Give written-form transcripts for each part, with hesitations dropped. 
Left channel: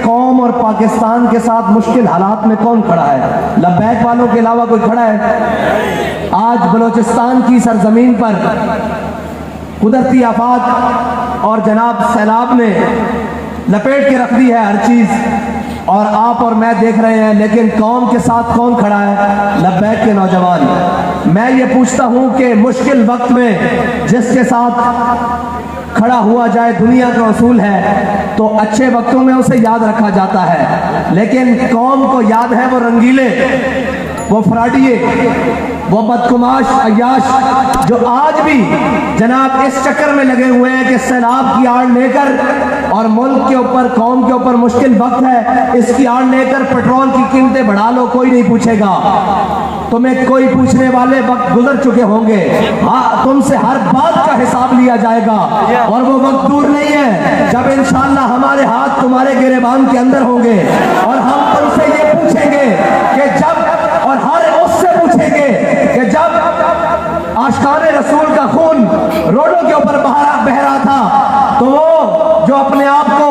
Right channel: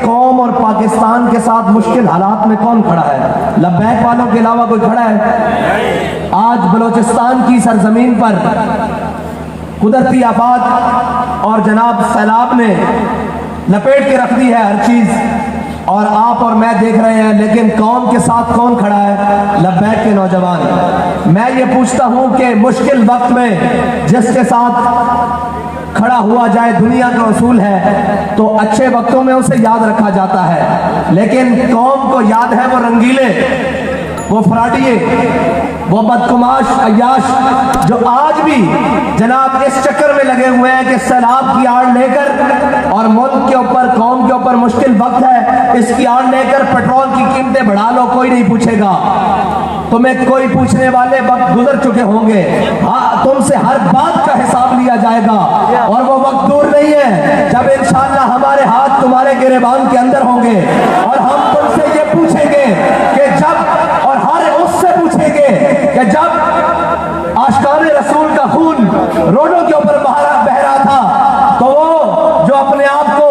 कौम और पाकिस्तान के साथ मुश्किल हालात में कौन खड़ा है? लब्बैक वालों के अलावा कोई खड़ा है? आज बलोचिस्तान की सरजमीन पर कुदरती आफात और जनाब सैलाब ने लपेट के रख दी है हर चीज, और आप और मैं देख रहे हैं, लेकिन कौम के साथ कौन खड़ा है? लब्बैक के नौजवान। मैं ये पूछता हूं कि मुश्किल वक्त में जिसके साथ खड़ा हुआ जाए, दुनिया का उसूल है तो अच्छे वक्तों में उसे याद रखा जाता है, लेकिन कौम को याद है वो रंगीले, वो फराडिये, वो बदकुमाश अय्याश जो आज भी जनाब इस चक्कर में लगे हुए हैं कि सैलाब की आड़ लेकर और मुल्क के ऊपर, कौम के ऊपर मुश्किल वक्त है, इसकी आड़ लेकर पेट्रोल की कीमतें बढ़ा लो, कोई नहीं पूछेगा तुम्हें, कोई पूछने वाले वक्त गुजर चुके होंगे। हाँ, तुमसे हर बात का हिसाब लिया जाएगा और वो वक्त दूर नहीं है जब इंशाअल्लाह हमारे हाथ तुम्हारे गिरेबान के अंदर होंगे और हम तुमसे ये पूछेंगे कि जब, और हर उससे पूछेंगे कि जब आशिकाने रसूल का खून रोडों के ऊपर बह रहा था, तो जो अपने आप को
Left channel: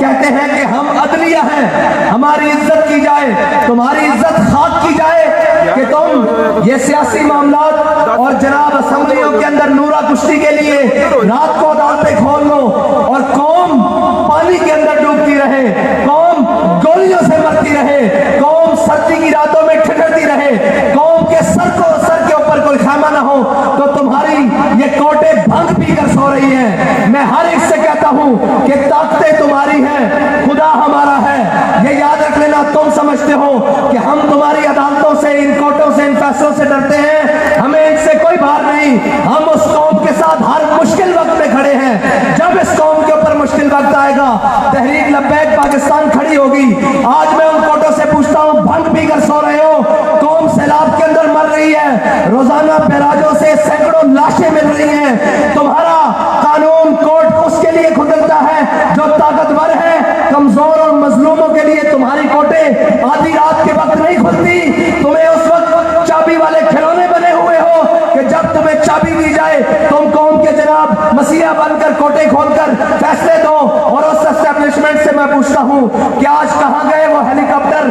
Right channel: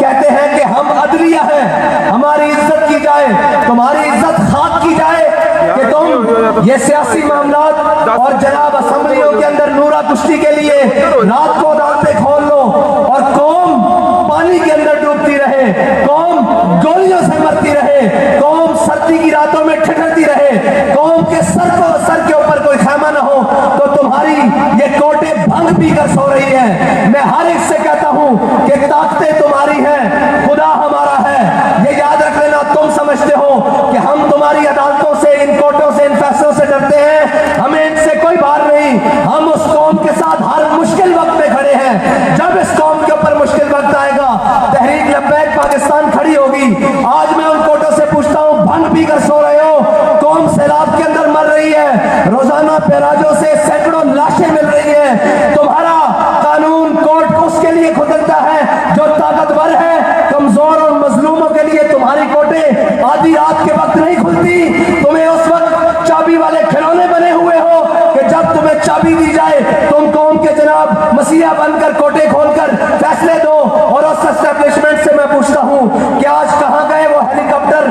कहते हैं कि हम अदलिया हैं, हमारी इज्जत की जाए, तुम्हारी इज्जत खाक की जाए कि तुम ये सियासी मामलात और जनाब असेंबलियों के अंदर नूरा कुश्ती के लिए रात को दांतें खोल लो और कौम पानी के अंदर डूबती रहे, कौम गोलियों से मरती रहे, कौम सर्दी की रातों में ठिठुरती रहे, कौम के सर के ऊपर कोई खैमा ना हो, तो तुम्हारी ये कोटे भंग पीकर सो रही है। मैं हर एक से कहता हूं कि ताकतें तुम्हारी हैं, खुदा हमारा है, ये याद रख लेना। तुम समझते हो कि हम तुम्हारी अदालतों से, इन कोर्टों से, इन फैसलों से डरते हैं, हमें इनसे कोई बात नहीं। हम उस कौम के साथ हर मुश्किल वक्त में खड़े हैं। जब इस कौम के ऊपर मुश्किल वक्त आएगा, तहरीक लब्बैक पाकिस्तान खड़ी होगी। आज मैं उन कोर्टों से पूछता हूं, भंग पीकर सो रहे हो, कौम सैलाब के अंदर मर रही है, रोजाना पैराजों से सैकड़ों लाशें मिल रही हैं। तुम्हारा कानून कोर्ट उसके लिए खुलता है जो ताकतवर है, कमजोर और मजलूमों के लिए तुम्हारी कोर्टें आधी रात के वक्त नहीं खुलती। तुम्हें उस वक्त चाबी वाले खिलौने बने हुए हो कि जब तुम्हें चाबी दी जाए तुम कौम के जनाब मसीहा बनकर कोर्टें खोलकर फैसले दो। और उस एस्टेब्लिशमेंट से मैं पूछता हूं कि आज कहां गए वो हेलीकॉप्टर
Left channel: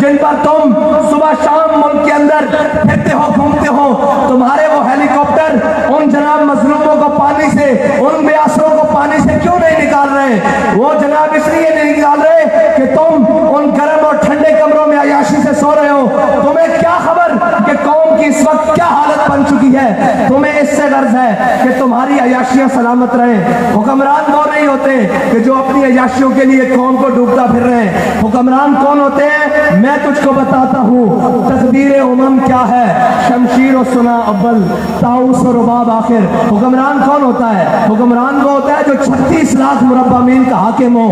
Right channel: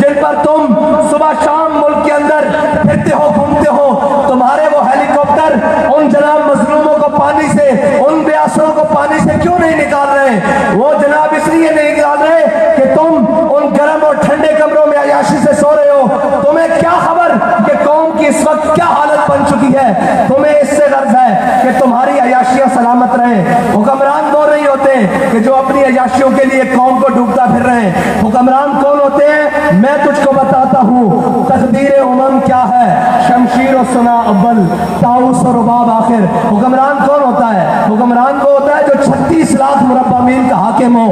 जिन पर तुम सुबह शाम मुल्क के अंदर फिरते हो, घूमते हो? तुम्हारे वो हेलीकॉप्टर उन जनाब मजलूमों को पानी से, उन बेअसरों को पानी से क्यों नहीं निकाल रहे? वो जनाब इसलिए नहीं निकाल रहे कि तुम उन गर्म और ठंडे कमरों में अय्याशी से सो रहे हो। तुम्हें क्या खबर कि कौम की इस वक्त क्या हालत बन चुकी है? तुम्हें इससे गर्ज है कि तुम्हारी अय्याशियां सलामत रहे। हुक्मरान कौन नहीं होते कि जो अपनी अय्याशियों के लिए कौम को डूबता फिर रहे हैं? हुक्मरान कौन होते हैं? मैं तुझको बताता हूँ। तकदीर उमम क्या है? शमशीर और सुना अव्वल, ताउस और रुबाब आखिर। हुक्मरान कौन होता है? हुक्मरान वो होता है जो 36 लाख मुरब्बा मील का हाकिम हो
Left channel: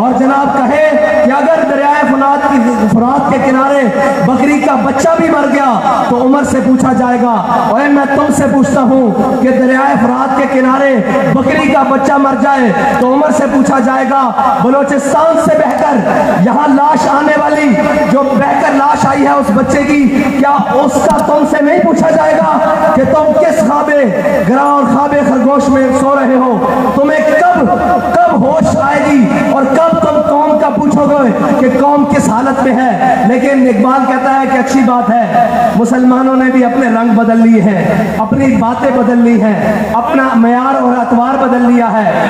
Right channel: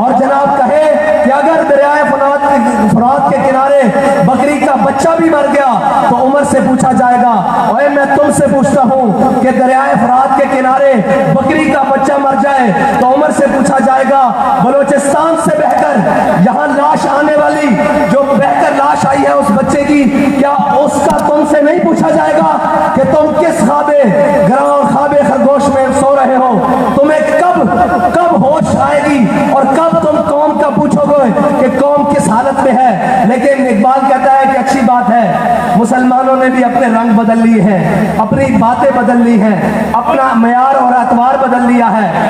और जनाब कहे कि अगर दरियाए फुरात के किनारे बकरी का बच्चा भी मर गया तो उमर से पूछा जाएगा। और मैं तुमसे पूछता हूँ कि दरियाए फुरात के किनारे बकरी का बच्चा मर जाए तो उमर से पूछा जाएगा, बलोचिस्तान से बहकर यहाँ लाश आने वाली, जो बहकर लाश आई है उस बच्चे की, क्या उसका तुमसे नहीं पूछा जाएगा कि तुम किस ख्वाबे ग्राउंड, ख्वाबे खरगोश में सो रहे हो? तुम्हें कब होश आएगी और कब तुम कौम का पूछोगे कि कौम किस हालत में है? लेकिन इकबाल कहता है कि अच्छी बात है, मुसलमानों ने भी अपने रंग बदल लिए हैं, अपनी बातें बदल ली हैं, अपना मयार और अतवार बदल लिया है।